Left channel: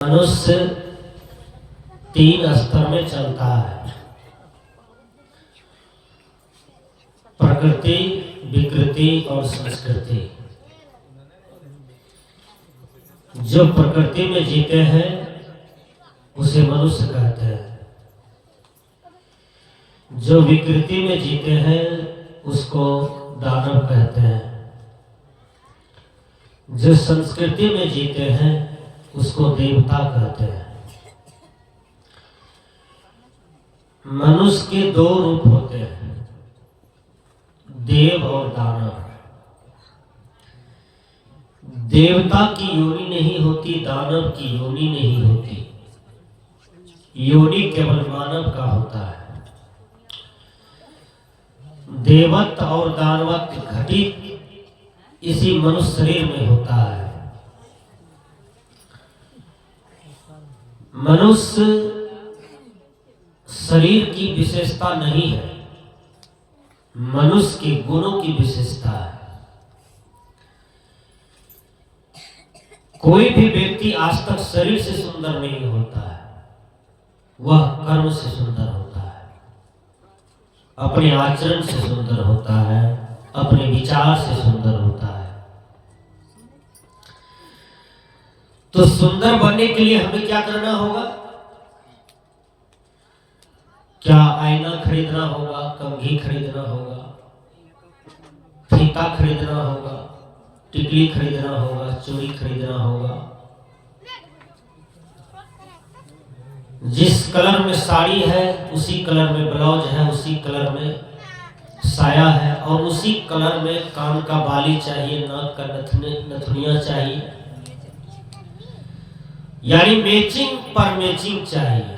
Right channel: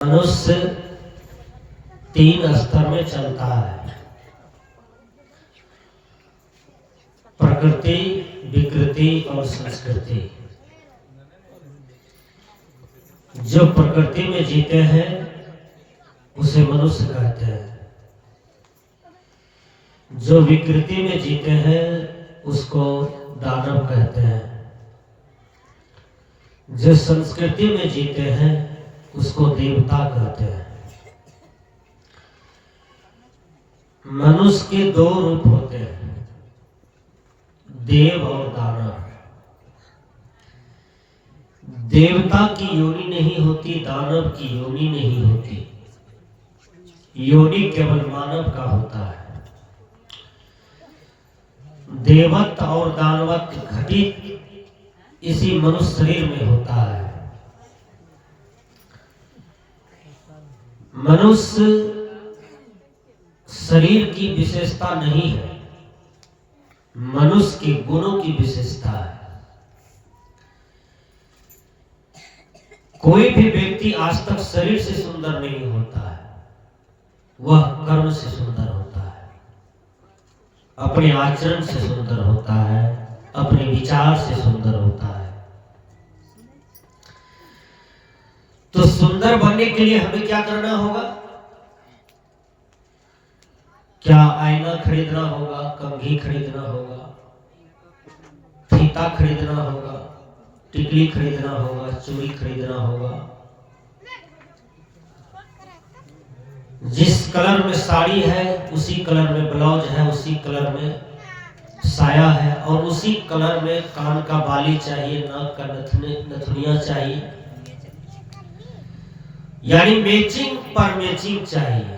मनुष्य तीन स्तर में चलता है: प्रकृति, विकृति और संस्कृति। जो प्रकृति में जीते हैं उसे मनुष्य कहते हैं, जो विकृति में जीते हैं उसको दानव कहते हैं, जो संस्कृति में जीते हैं उसको देवता कहते हैं। मनुष्य के दो रूप होते हैं, देव और दानव। देवता की योनि नहीं होती, दानव की योनि नहीं होती। योनि केवल मानव का होता है। देवत्व और दानवत्व घटित इसी मनुष्य शरीर में होता है। मनुष्य शरीर की विशेषता नहीं है, मनुष्य के गुणों की विशेषता है। कोई भी व्यक्ति आज तक शरीर से सुंदर नहीं होता है, वह कर्म से सुंदर होता है, अपने आचरण से सुंदर होता है, अपने विचार से सुंदर होता है। तो सुंदर बनने के लिए हमें क्या करना होगा? क्या आईना खरीदना होगा, कंघी खरीदना होगा, फीता खरीदना होगा, टिकली खरीदना होगा, चूड़ी खरीदना होगा? जिस कलर में साड़ी है उसी कलर में ब्लाउज है, उसी कलर में साया है, और उसी कलर में कान का बाली चाहिए, नाक का नथुनिया चाहिए। यानी मैचिंग पर मैचिंग चाहिए।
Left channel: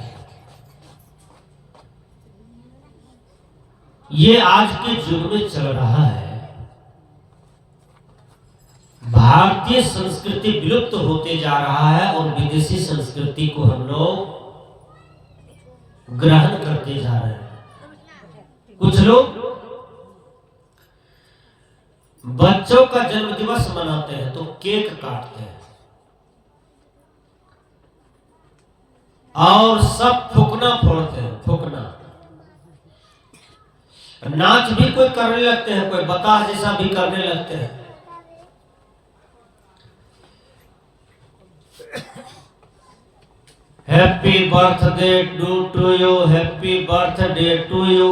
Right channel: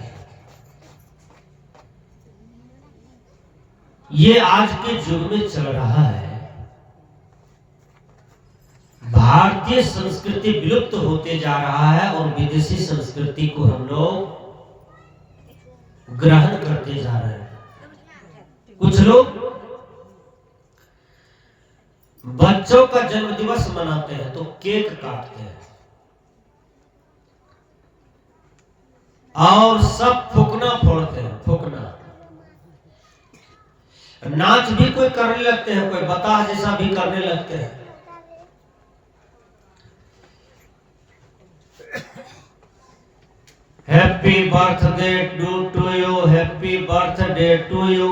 ये आज के युग में चल रहा है। भारतीय संस्कृति विलुप्त होते जा रहा है और विदेशी संस्कृति को हम लोग ग्रहण करते जा रहे हैं। कुछ लोग बच्चों का जन्म दिवस मनाते हैं तो केक काटते हैं और सब फुकना फोड़ते हैं। फुकना नाच भी कोई करने लगते हैं, कोई बताह जैसा भी करने लगते हैं। Happy birthday to you, happy birthday to you.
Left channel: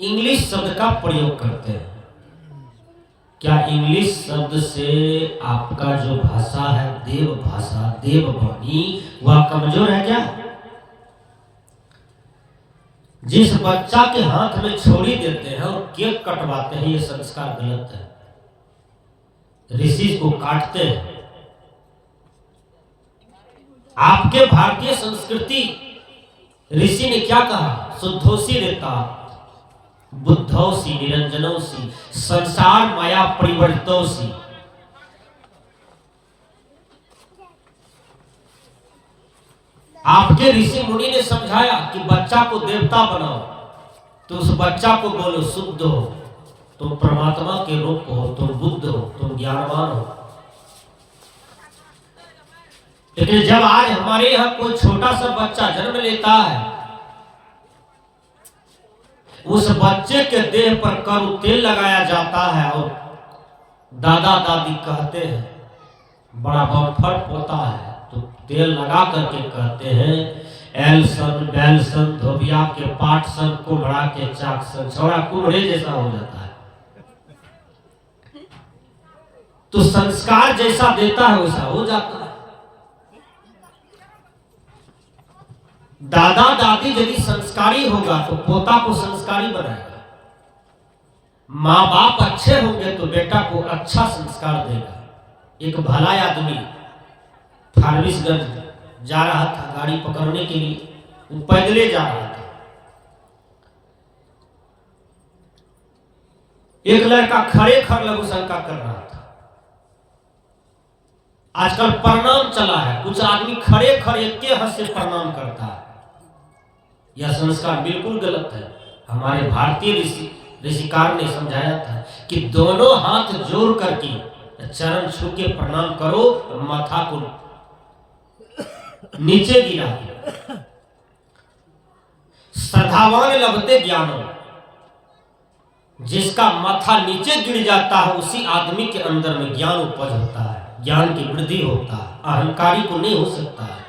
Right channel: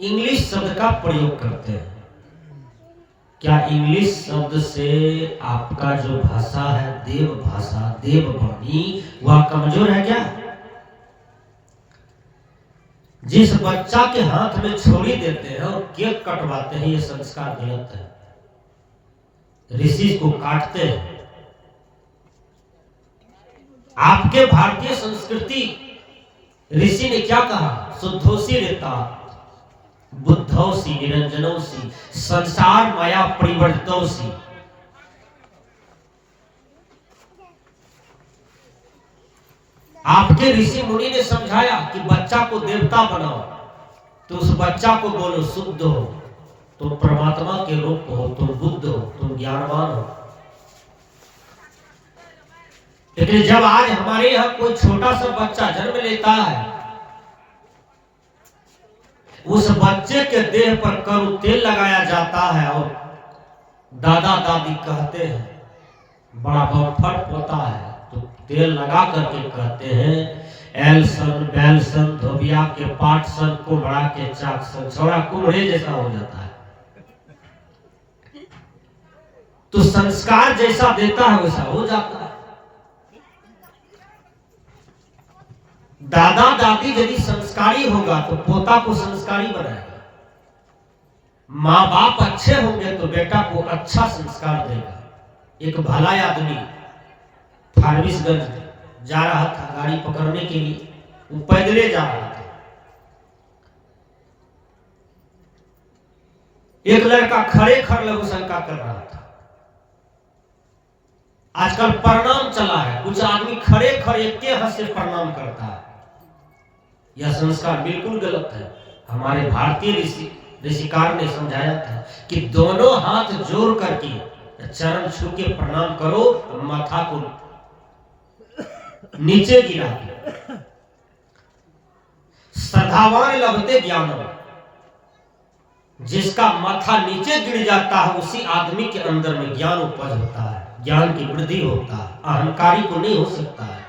English शब्द का प्रयोग करते हैं। क्या इंग्लिश शब्द से आपका जो भाषा है, देव भाषा, देववाणी, वह कमजोर है क्या? जिस बच्चा के हाथ में छोड़ी देते हैं और केक कटवाते हैं, ये संस्कार गलत है। ऋषि को काटते हैं। आपके भारतीय संस्कृति ऋषि ने क्या कहा? शुद्धोसी रहता, बुद्धौसी, निरंजनोसी, संसार माया परिवर्तितोसी। आपके ऋषि मुनि ने समझाया कि बच्चा को देवता बनाओ, तो उस बच्चा को बोलो शुद्ध हो, तुम परमात्मा के रूप हो, तुम बुद्ध हो, तुम ज्ञानवान हो। लेकिन जब आज हमारे यहाँ कोई छोटा सा बच्चा जन्म लेता है, उस बच्चे के देह पर कड़ू तेल लगाया जाता है और दादा दादी कहते हैं, बड़ा बमफट पोता है, तो तेल लगा करके कहते हैं, एलसन बैलसन धोबिया के पाटसन कुम्हड़ा के चाकसन, छोड़ा कुम्हड़े जैसा हो जाता है। तो संस्कार जैसा देता है वैसा हो जाता है। दादा दादी यदि संस्कारी होगा तो पोता को संस्कारी बनाएगा। माँ बाप अच्छे होंगे तो बेटा को अच्छा संस्कार देगा। एक भला आदमी फारबिसगंज जा रहा था गाड़ी पकड़ने के लिए, वो पैदले जा रहा था। एक लड़का खड़े खड़ लघु शंका कर रहा था। आजकल प्रणाम चला है, कुछ आदमी खड़े खड़े एक के हाथ से प्रणाम करता है। यह संस्कार बिल्कुल गलत है। हमारे भारतीय ऋषिकार ने समझाया था कि दोनों हाथ जोड़ करके चरण छू के प्रणाम करो, माथा को नीचे गिरा दिया। श्रद्धावान लभते ज्ञानो, जिसका माथा नीचे गिर जाता है उसी आदमी के अंदर में ज्ञान उपज होता है, ज्ञान की वृद्धि होता है, अहंकारी को नहीं हो सकता है।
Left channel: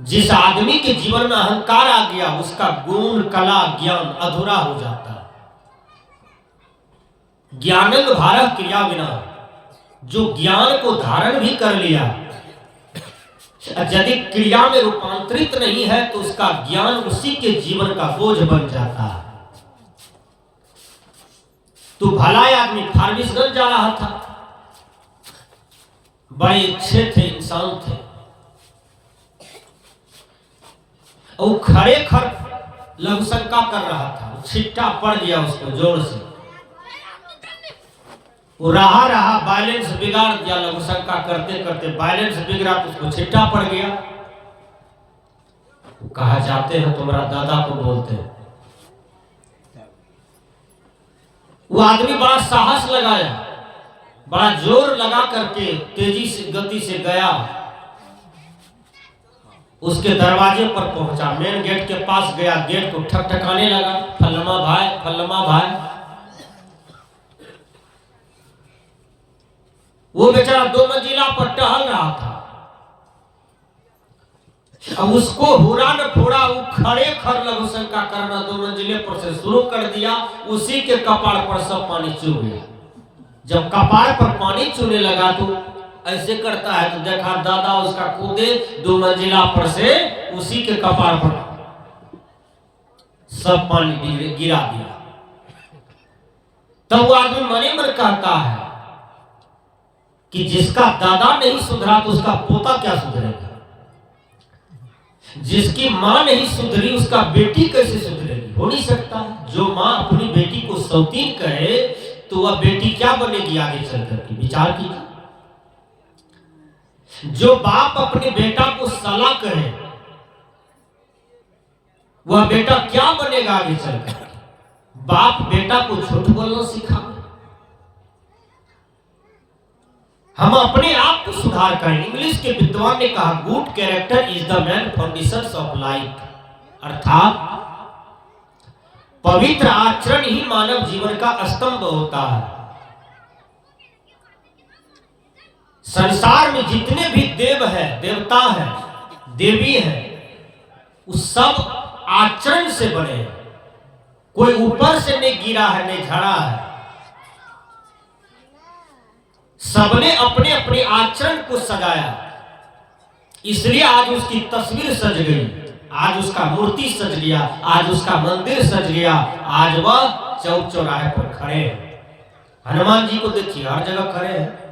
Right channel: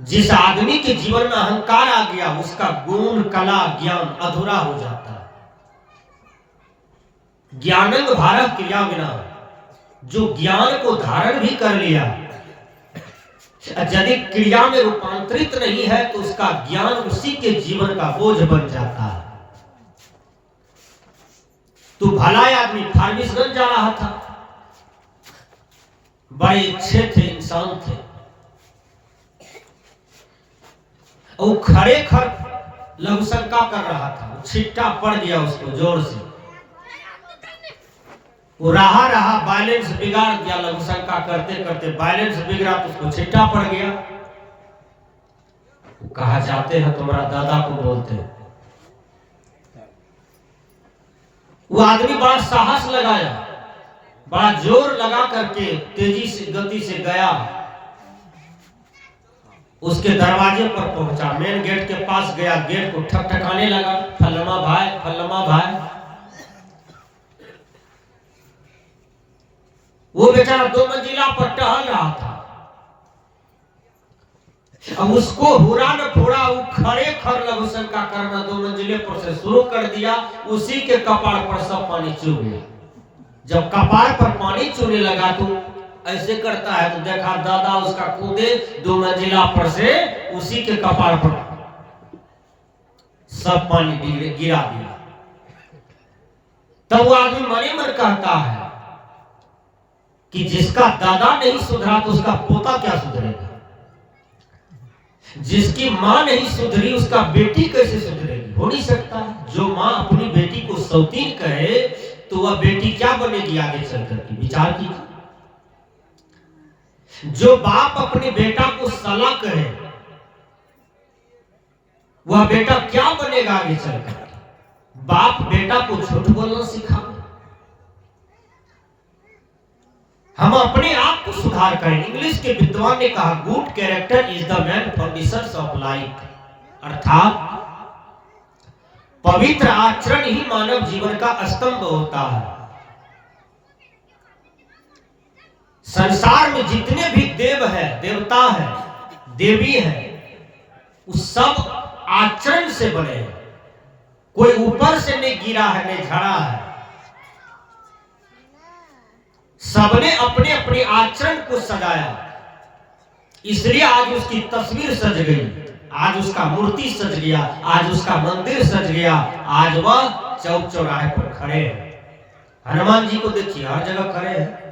जिस आदमी के जीवन में अहंकार आ गया उसका गुण कला ज्ञान अधूरा हो जाता है। ज्ञानंग भारत क्रिया बिना, जो ज्ञान को धारण भी कर लिया यदि क्रिया में रूपांतरित नहीं है तो उसका ज्ञान उसी के जीवन का बोझ बन जाता है। तो भला आदमी फारबिसगंज जा रहा था, बड़े अच्छे थे, इंसान थे, और खड़े खड़ लघुशंका कर रहा था, छिट्टा पड़ गया उसको जोर से, वो रहा बैलेंस बिगाड़ दिया, लघुशंका करते करते बैलेंस बिगड़ा तो उसको छिट्टा पड़ गया। वो कहा जाते हैं तुम्हारा दादा को बोलते हैं। वो आदमी बड़ा साहस लगाया, बड़ा जोर लगा करके तेजी से गति से गया, उसके दरवाजे पर पहुंचा, मेन गेट के पास गया, गेट को ठकठकाने लगा, फल्लमा भाई फल्लमा भाई। वो बेचारा 2 मंजिला पर टहल रहा था, अब उसको हुरा न फोड़ा, वो खड़े खड़ लघुशंका करना 2 मंजिले पर से शुरू कर दिया, उसी के कपाड़ पर सब पानी चू गया। जब कपाड़ पर पानी चूने लगा तो ऐसे करता है, तो देखा दादा उसका कूदे 2 मंजिला पर से उसी के कपाड़ पर सब पानी गिरा दिया। तब वो आदमी मने मन कहता है कि जिसका दादा नहीं सुधरा तो उसका पोता क्या सुधरेगा, जिसकी मां नहीं सुधरी उसका बेटी कैसे सुधरेगी, हो नहीं सकता। जो मां अपनी बेटी को सौतीन कहे तो वह बेटी क्या बनेगी आगे चलकर के, विचार कीजिए। जो बाप अपने बेटा को साला कहे वह बेटा क्या बनेगा आगे चलकर। बाप बेटा को झूठ बोलना सिखाए, हम अपने आप को सुधार करें। इंग्लिश के विद्वान ने कहा good character is the man foundation of life, अर्थात पवित्र आचरण ही मानव जीवन का स्तंभ होता है। संसार में जितने भी देव हैं, देवता हैं, देवी हैं, उस सब आचरण से बने हैं। कोई ऊपर से नहीं गिरा है, नहीं झड़ा है, सबने अपने अपने आचरण को सजाया, इसलिए आज उसकी तस्वीर सज गई, आज उसका मूर्ति सज गया, आज उसका मंदिर सज गया, आज वह चौक चौराहे पर खड़े हैं। हनुमान जी को देखिए, हर जगह खड़े हैं।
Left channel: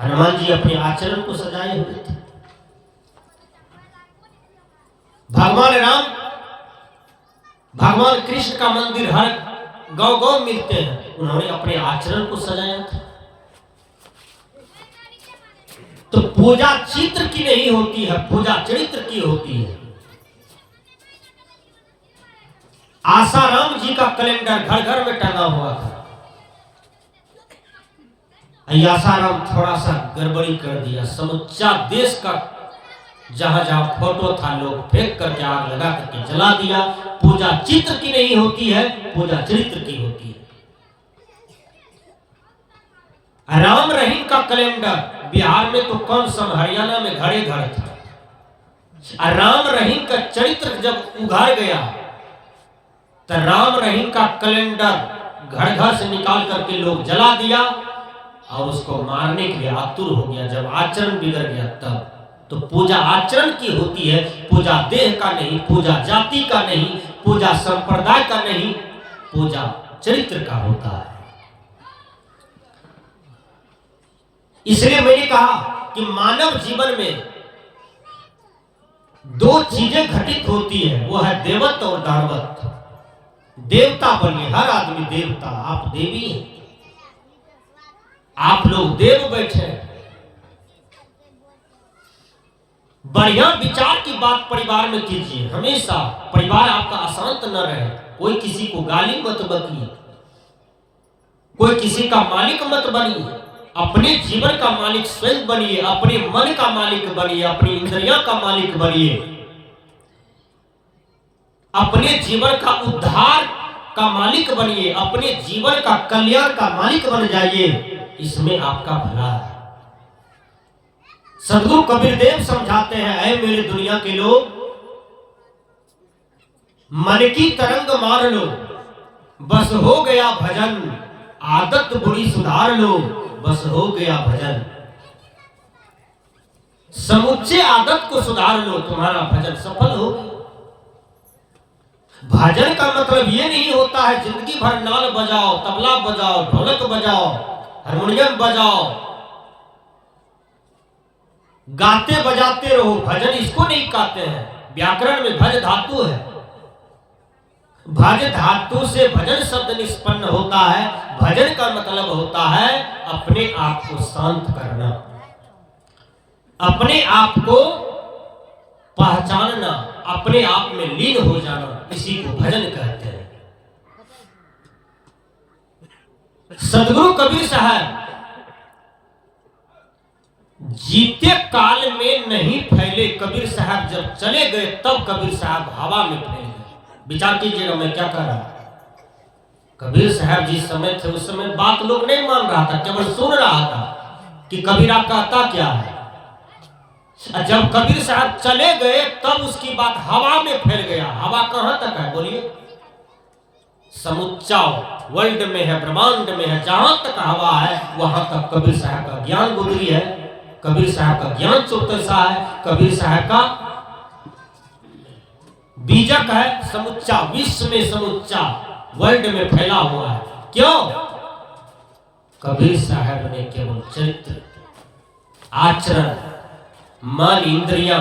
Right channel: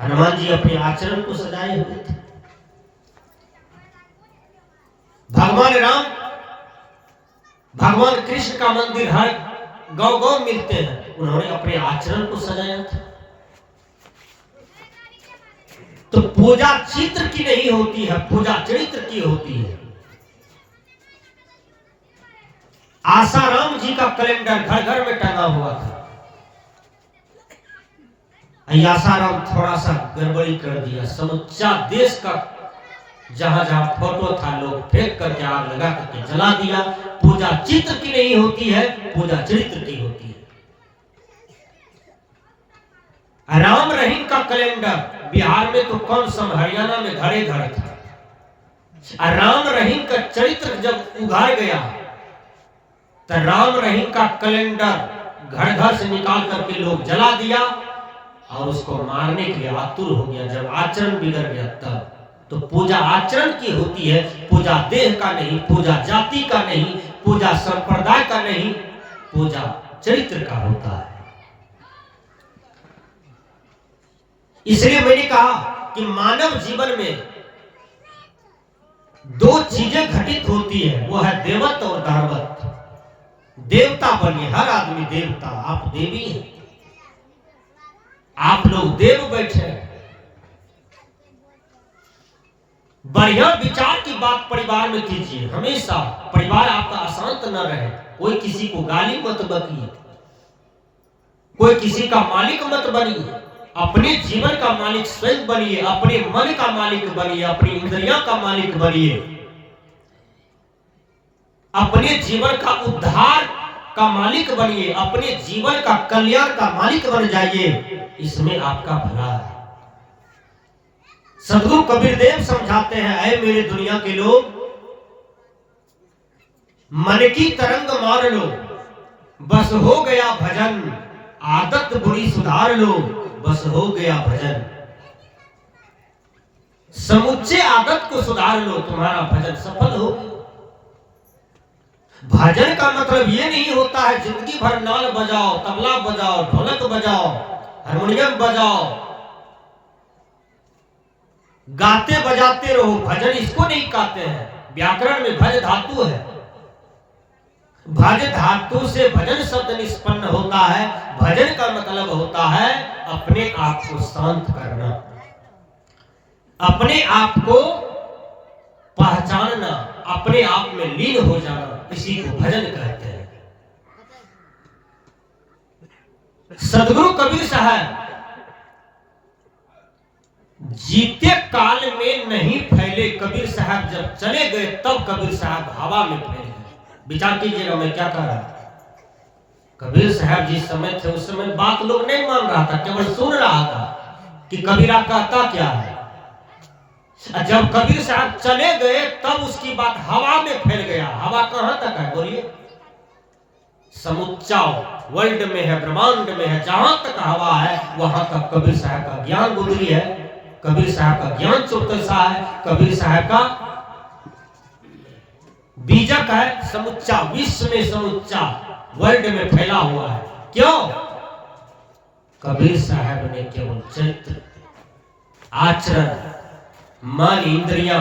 हनुमान जी अपने आचरण को सजाए हुए थे। भगवान राम, भगवान कृष्ण का मंदिर हर गांव गांव मिलते हैं, उन्होंने अपने आचरण को सजाया था। तो पूजा चित्र की नहीं होती है, पूजा चरित्र की होती है। आसाराम जी का कैलेंडर घर घर में टंगा हुआ था। आसाराम थोड़ा सा गड़बड़ी कर दिया, समूचा देश का जहां जहां फोटो था लोग फेंक करके आग लगा करके जला दिया। पूजा चित्र की नहीं होती है, पूजा चरित्र की होती है। राम रहीम का कैलेंडर बिहार में तो कम सम, हरियाणा में घरे घर था। राम रहीम का चरित्र जब उघाड़ गया तो राम रहीम का कैलेंडर घर घर से निकाल करके लोग जला दिया और उसको मारने के लिए आतुर हो गया। जब आचरण बिगड़ गया तब तो पूजा आचरण की होती है, पूजा देह का नहीं, पूजा जाति का नहीं, पूजा संप्रदाय का नहीं, पूजा चरित्र का होता है। इसलिए मैंने कहा कि मानव जीवन में 2 चीजें घटित होती है, वो है देवत्व और दानवत्व। देवता बनिए, हर आदमी देवता, आप देवी हैं, आप लोग देव बैठे हैं। बढ़िया विचार की बात परिवार में कीजिए, हमेशा परिवार आपका अशांत न रहे। कोई किसी को गाली मत बकिए, कोई किसी का मालिक मत बनिए, अपने जीवन का मालिक स्वयं बनिए, अपने मन का मालिक बनिए, अपनी इंद्रियों का मालिक बनिए, अपने जीवन का उद्धार का मालिक बनिए, अपने जीवन का कल्याण का मालिक बन जाइए, इसमें आपका भला है। सदगुरु कबीर देव समझाते हैं, ऐ मेरे दुनिया के लोग, मन की तरंग मार लो, बस हो गया भजन, आदत बुरी सुधार लो, बस हो गया भजन। समुच्चे आदत को सुधार लो, तुम्हारा भजन सफल हो। भजन का मतलब ये नहीं होता है जिंदगी भर नाल बजाओ, तबला बजाओ, ढोलक बजाओ, हारमोनियम बजाओ, गाते बजाते रहो। भजन इसको नहीं कहते हैं। व्याकरण में भज धातु है, भज धातु से भजन शब्द निष्पन्न होता है। भजन का मतलब होता है अपने आप को शांत करना, अपने आप को पहचानना, अपने आप में लीन हो जाना, इसी को भजन कहते हैं। सदगुरु कबीर साहब जीते काल में नहीं फैले, कबीर साहब जब चले गए तब कबीर साहब हवा में फैल गए। विचार कीजिएगा मैं क्या कह रहा हूं। कबीर साहब जिस समय थे उस समय बात लोग नहीं मान रहा था, केवल सुन रहा था कि कबीरा कहता क्या है। जब कबीर साहब चले गए तब उसकी बात हवा में फैल गया। हवा कहां तक है बोलिए? समुच्चा वर्ल्ड में है, ब्रह्मांड में है, जहां तक हवा है वहां तक कबीर साहब का ज्ञान गुजरी है, कबीर साहब का ज्ञान चौतसा है, कबीर साहब का बीजक है, समुच्चा विश्व में, समुच्चा वर्ल्ड में फैला हुआ है। क्यों? कबीर साहब ने केवल चरित्र, आचरण, मन, इंद्रियां,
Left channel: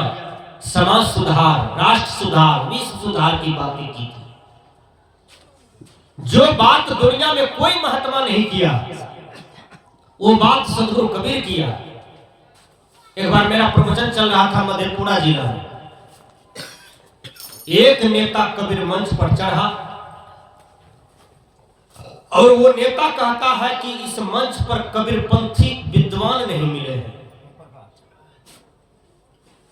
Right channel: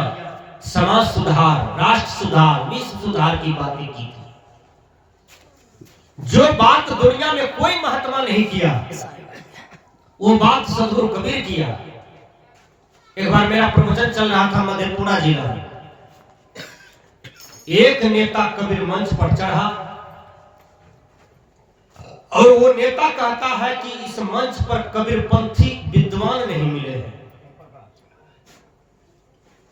समाज सुधार, राष्ट्र सुधार, विश्व सुधार की बातें की थी। जो बात दुनिया में कोई महात्मा नहीं किया वो बात सदगुरु कबीर किया। एक बार मेरा प्रवचन चल रहा था मधेपुरा जिला में। एक नेता कबीर मंच पर चढ़ा और वो नेता कहता है कि इस मंच पर कबीरपंथी विद्वान नहीं मिले हैं,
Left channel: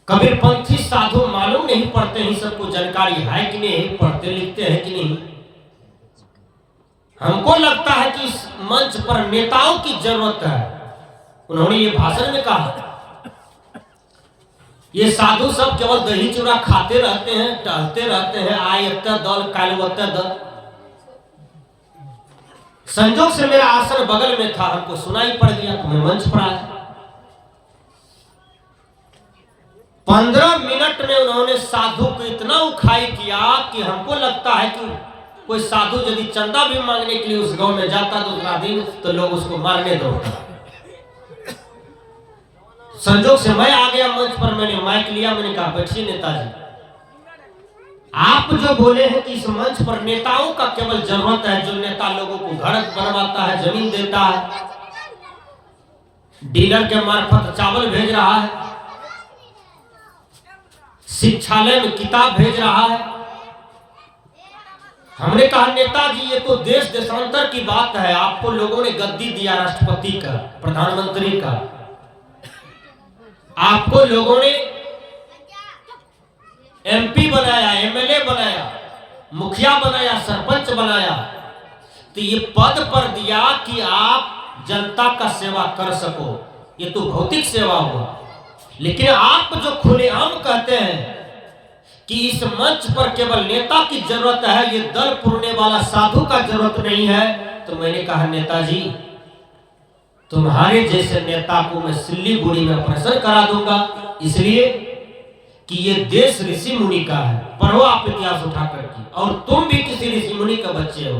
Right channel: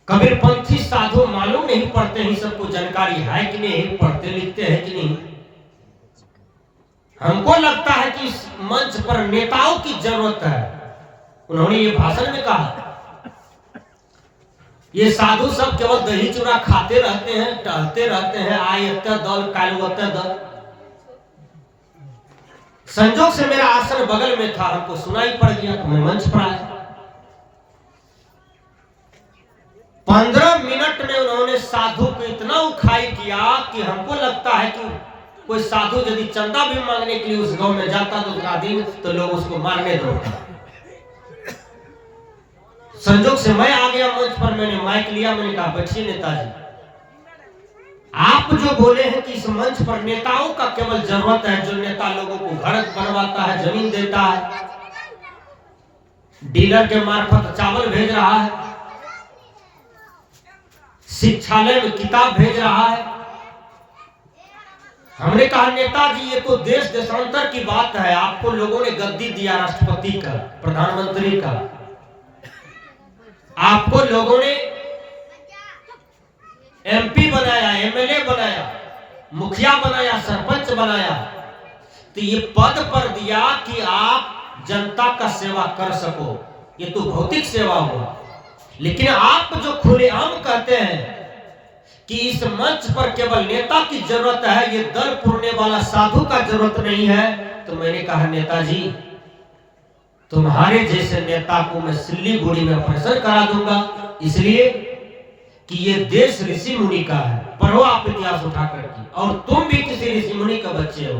कबीरपंथी साधु मालूम नहीं पढ़ते हैं, सबको जानकारी है कि नहीं, पढ़ते लिखते हैं कि नहीं। हमको लगता है कि इस मंच पर नेताओं की जरूरत है। उन्होंने ये भाषण में कहा, ये साधु सब केवल दही चूड़ा खाते रहते हैं, टहलते रहते हैं, आय इतना दल काल उतना दल। संजोग से मेरा आसन बगल में था, हमको सुनाई पड़ गया तो मैं मंच पर आया। 15 मिनट में उन्होंने साधु को इतना उखाई किया कि हमको लगता है कि कोई साधु यदि चंदा भी मांगने के लिए उस गांव में जाता दूसरा दिन तो लोग उसको मारने दौड़ता। संजोग से मैं आ गया मंच पर, मैंने माइक लिया, मैंने कहा बैठिए नेताजी, आप जो बोले हैं कि इस मंच पर नेताओं का केवल जरूरत है, जो नेता लोगों को घर बनवाता है, जमीन देता है, डीलर के मार्फत चावल भेज रहा है, शिक्षालय में किताब भेज रहा है। हमने कहा नेताजी ये तो देश देशांतर की बात है, आपको लोगों ने गद्दी दिया राष्ट्रपति का, प्रधानमंत्री का, आपको लोगों ने एमपी बनाया, एमएलए बनाया, मुखिया बनाया, सरपंच बनाया, तो ये पद पर दिया कि आप जनता का सेवा कर सको, ये तो भौतिक सेवा हो। लेकिन आप जो खुलेआम कहते हैं कि इस मंच पर केवल नेता की जरूरत है, ये दल पुरने वाला साधु का जरूरत नहीं है, तो मैंने कहा नेताजी तुम्हारे जैसे नेता को मैं सिल्लीगुड़ी में ऑपरेशन करा दूंगा, इसलिए कि ये देश ऋषि मुनि का है। पढ़ो आप इतिहास उठा करके, और तुम भी किसी ऋषि मुनि का बच्चे हो।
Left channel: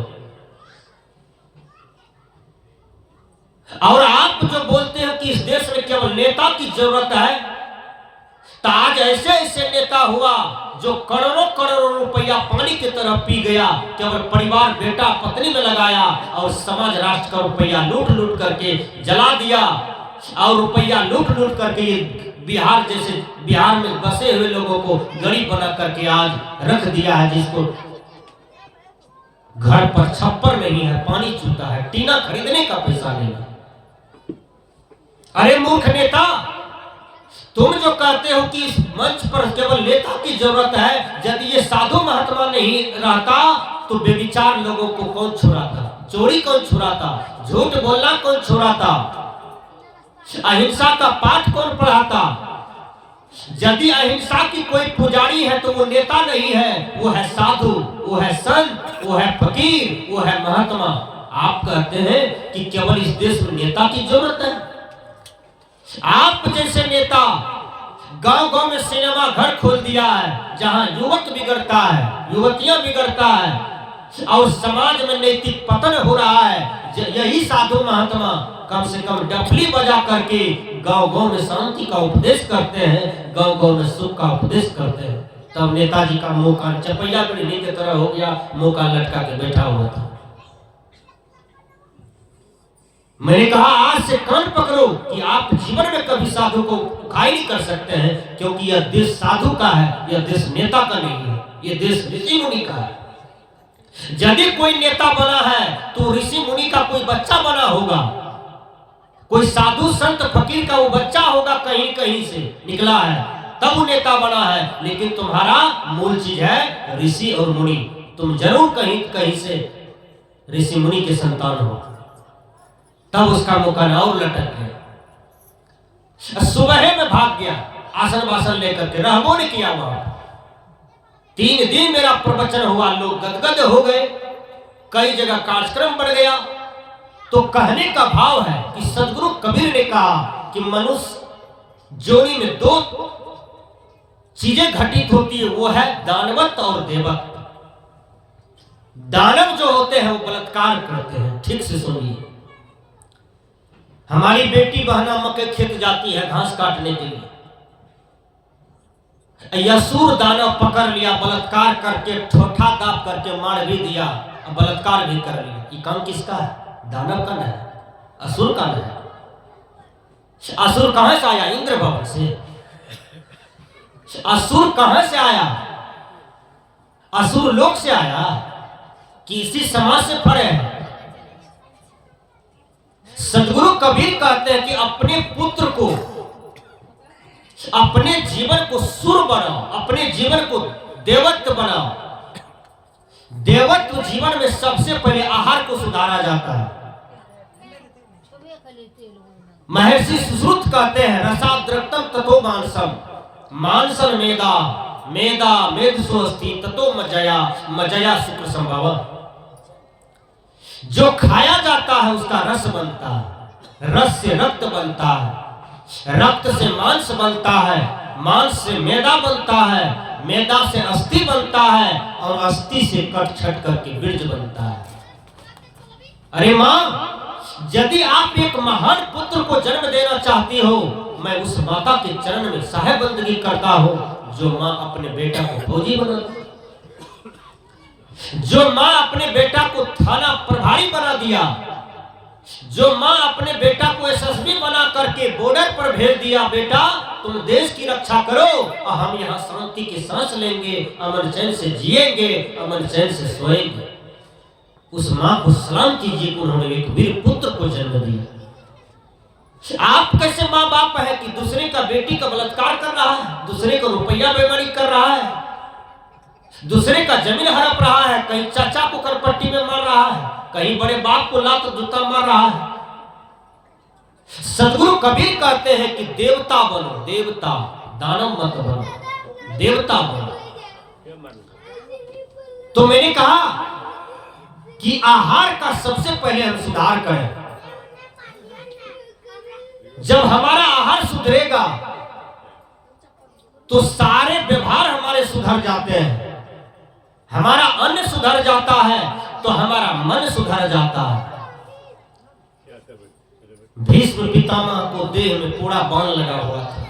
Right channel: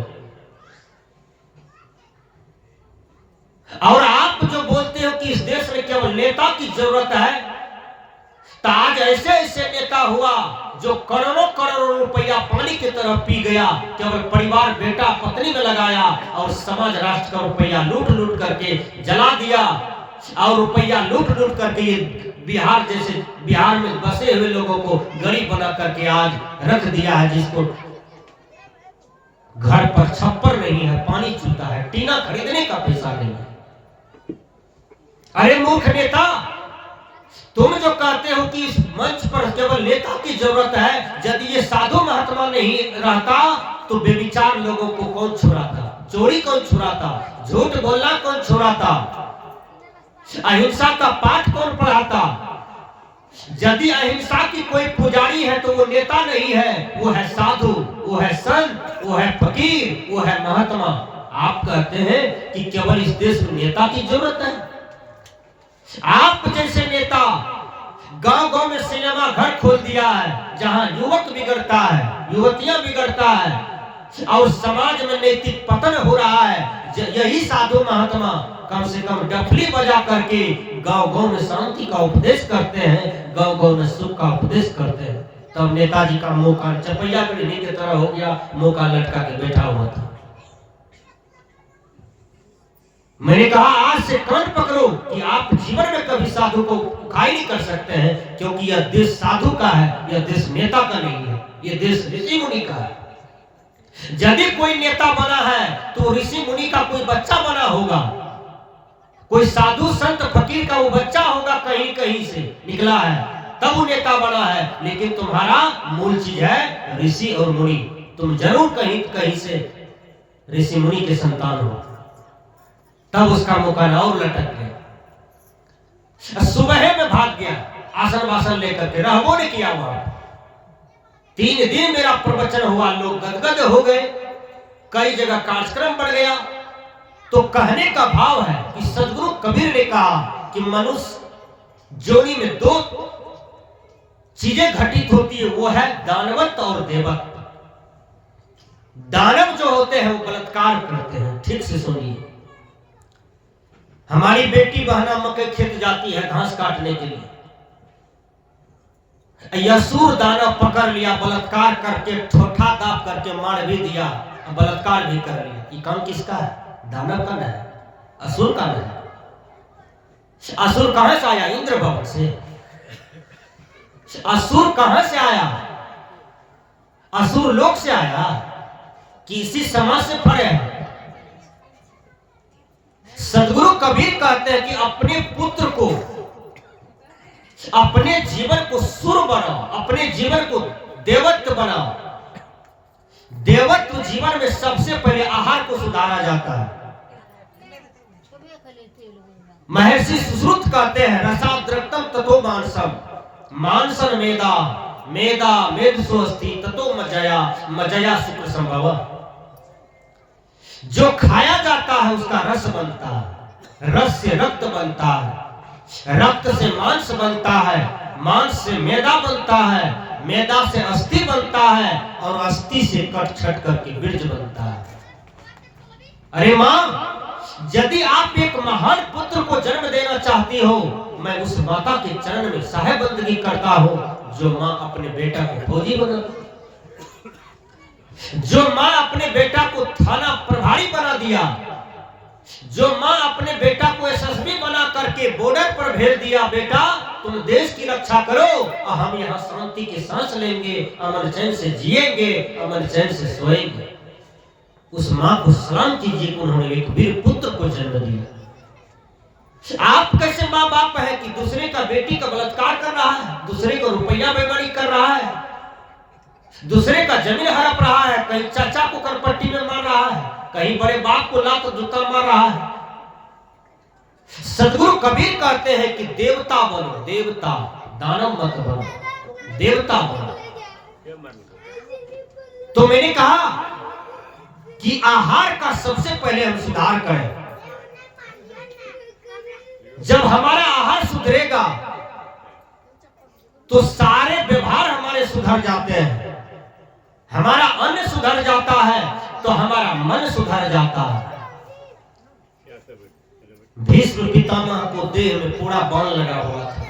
और आप जो बोलते हो कि इस देश में केवल नेता की जरूरत है, तो आज ऐसे ऐसे नेता हुआ जो करोड़ों करोड़ों रुपया पानी की तरह पी गया, केवल परिवार बेटा पत्नी में लगाया और समाज राष्ट्र का रुपया लूट लूट करके जला दिया, और रुपया लूट लूट करके ये बिहार जैसे बिहार में बसे हुए लोगों को गरीब बना करके आज रख दिया है, जिसको घर पर छप्पर नहीं है, पानी चूता है, टीना खरीदने का पैसा नहीं है। अरे मूर्ख नेता, तुम जो कहते हो कि इस मंच पर केवल नेता की जरूरत है, यदि ये साधु महात्मा नहीं रहता तो बेविचार लोगों को कौन छुड़ाता, चोरी कौन छुड़ाता, झूठ बोलना कौन छुड़ाता, अहिंसा का पाठ कौन पढ़ाता। यदि अहिंसा की कोई पुजारी है तो वो नेता नहीं है, वो है साधु, वो है संत, वो है फकीर, वो है महात्मा। आप कहते हैं कि केवल इस देश में नेता की जरूरत है। आप जैसे नेता गांव गांव में सिनेमा घर खोल दिया है, जहां युवक बिगड़ता है, युवतियां बिगड़ता है और समाज में नैतिक पतन हो रहा है। यही साधु महात्मा कम से कम डफली बजा करके गांव गांव में शांति का उपदेश करते हैं, गांव गांव में सुख का उपदेश करते हैं। तब नेताजी का मुंह का चपैया बिड़नी की तरह हो गया, मुंह का लटका के बैठा हुआ था। मैंने कहा आज से कान पकड़ो कि आप जीवन में कभी साधु को उखाई नहीं कर सकते हैं, क्योंकि यह देश साधु का है, यह देश नेता का नहीं है, यह देश ऋषि मुनि का है। यदि कोई नेता बना है तो ऋषि मुनि का कोई बच्चा बना होगा, कोई साधु संत फकीर का वो बच्चा होगा, कहीं कहीं से निकला है, तब वो नेता बना है। लेकिन तुम्हारा मूल चीज है ऋषि और मुनि, तुम जरूर कहीं कहीं से ऋषि मुनि के संतान हो। तब उसका मुकान और लटक गया, सुबह में भाग गया आसन वासन लेकर के, रहबो ने किया वहां। 3 दिन मेरा प्रवचन हुआ, लोग गदगद हो गए, कई जगह कार्यक्रम बढ़ गया। तो कहने का भाव है कि सदगुरु कबीर ने कहा कि मनुष्य जोनी में 2 चीजें घटित होती है, वो है दानवत और देवत। दानव जो होते हैं वो बलात्कार करते हैं। ठीक से सुनिए, हमारी बेटी बहना मकई खेत जाती है घास काटने के लिए, असुर दानव पकड़ लिया, बलात्कार करके ठोठा दाब करके मार भी दिया, बलात्कार भी कर लिया। ये काम किसका है? दानव का नहीं, असुर का नहीं। असुर कहां से आया? इंद्र भवन से। असुर कहां से आया? असुर लोक से आया कि इसी समाज से पड़े हैं। सदगुरु कबीर कहते हैं कि अपने पुत्र को, अपने जीवन को सुर बनाओ, अपने जीवन को देवत्व बनाओ। देवत्व जीवन में सबसे पहले आहार को सुधारा जाता है। महर्षि सुश्रुत कहते हैं रसाद्रक्तम ततो मांसम, मांसन मेदा, मेदा मेद सुअस्ति ततो मजया, मजया शुक्र संभव। जो खाया जाता है उसका रस बनता है, रस से रक्त बनता है, रक्त से मांस बनता है, मांस से मैदा बनता है, मैदा से अस्थि बनता है और अस्थि से कट छट करके बीज बनता है। अरे मां, यदि आप एक महान पुत्र को जन्म देना चाहती हो, मैं उस माता के चरण में साहेब बंदगी करता हूं जो मां अपने बेटा को फौजी बना, जो मां अपने बेटा को थाना प्रभारी बना दिया, जो मां अपने बेटा को एसएसपी बना करके बॉर्डर पर भेज दिया, बेटा तुम देश की रक्षा करो और हम यहाँ शांति की सांस लेंगे, अमन चैन से जिएंगे, अमन चैन से सोएंगे। उस मां को सलाम कीजिए कि उन्होंने एक वीर पुत्र को जन्म दिया। आप कैसे माँ बाप है कि दूसरे का बेटी का बलात्कार कर रहा है, दूसरे को रुपया बेईमानी कर रहा है, दूसरे का जमीन हड़प रहा है, कहीं चाचा को करपट्टी में मार रहा है, कहीं बड़े बाप को लात जूता मार रहा है। सदगुरु कबीर कहते हैं कि देवता बनो, देवता, दानव मत बनो, देवता बनो। तो मैंने कहा कि आहार का सबसे पहले हम सुधार करें। जब हमारा आहार सुधरेगा तो सारे व्यवहार हमारे सुधर जाते हैं, हमारा अन्न सुधर जाता है तो हमारा मन सुधर जाता है। भीष्म पितामह को देह में पूरा बाण लगा हुआ था,